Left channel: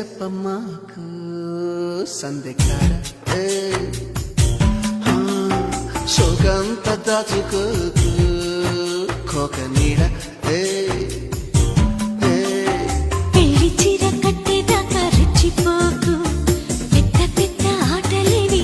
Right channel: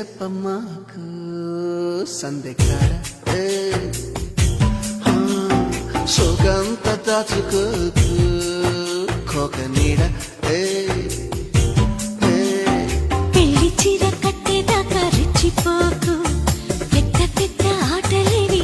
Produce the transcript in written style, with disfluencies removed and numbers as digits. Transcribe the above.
చెప్పమ్మాకు సందెకాడ శోకంత దాచుకోకు కోక నీడ పెళ్లి చీర కట్టేదాకా రెచ్చిపోకు పెద్ద పెద్ద ఆటలేవి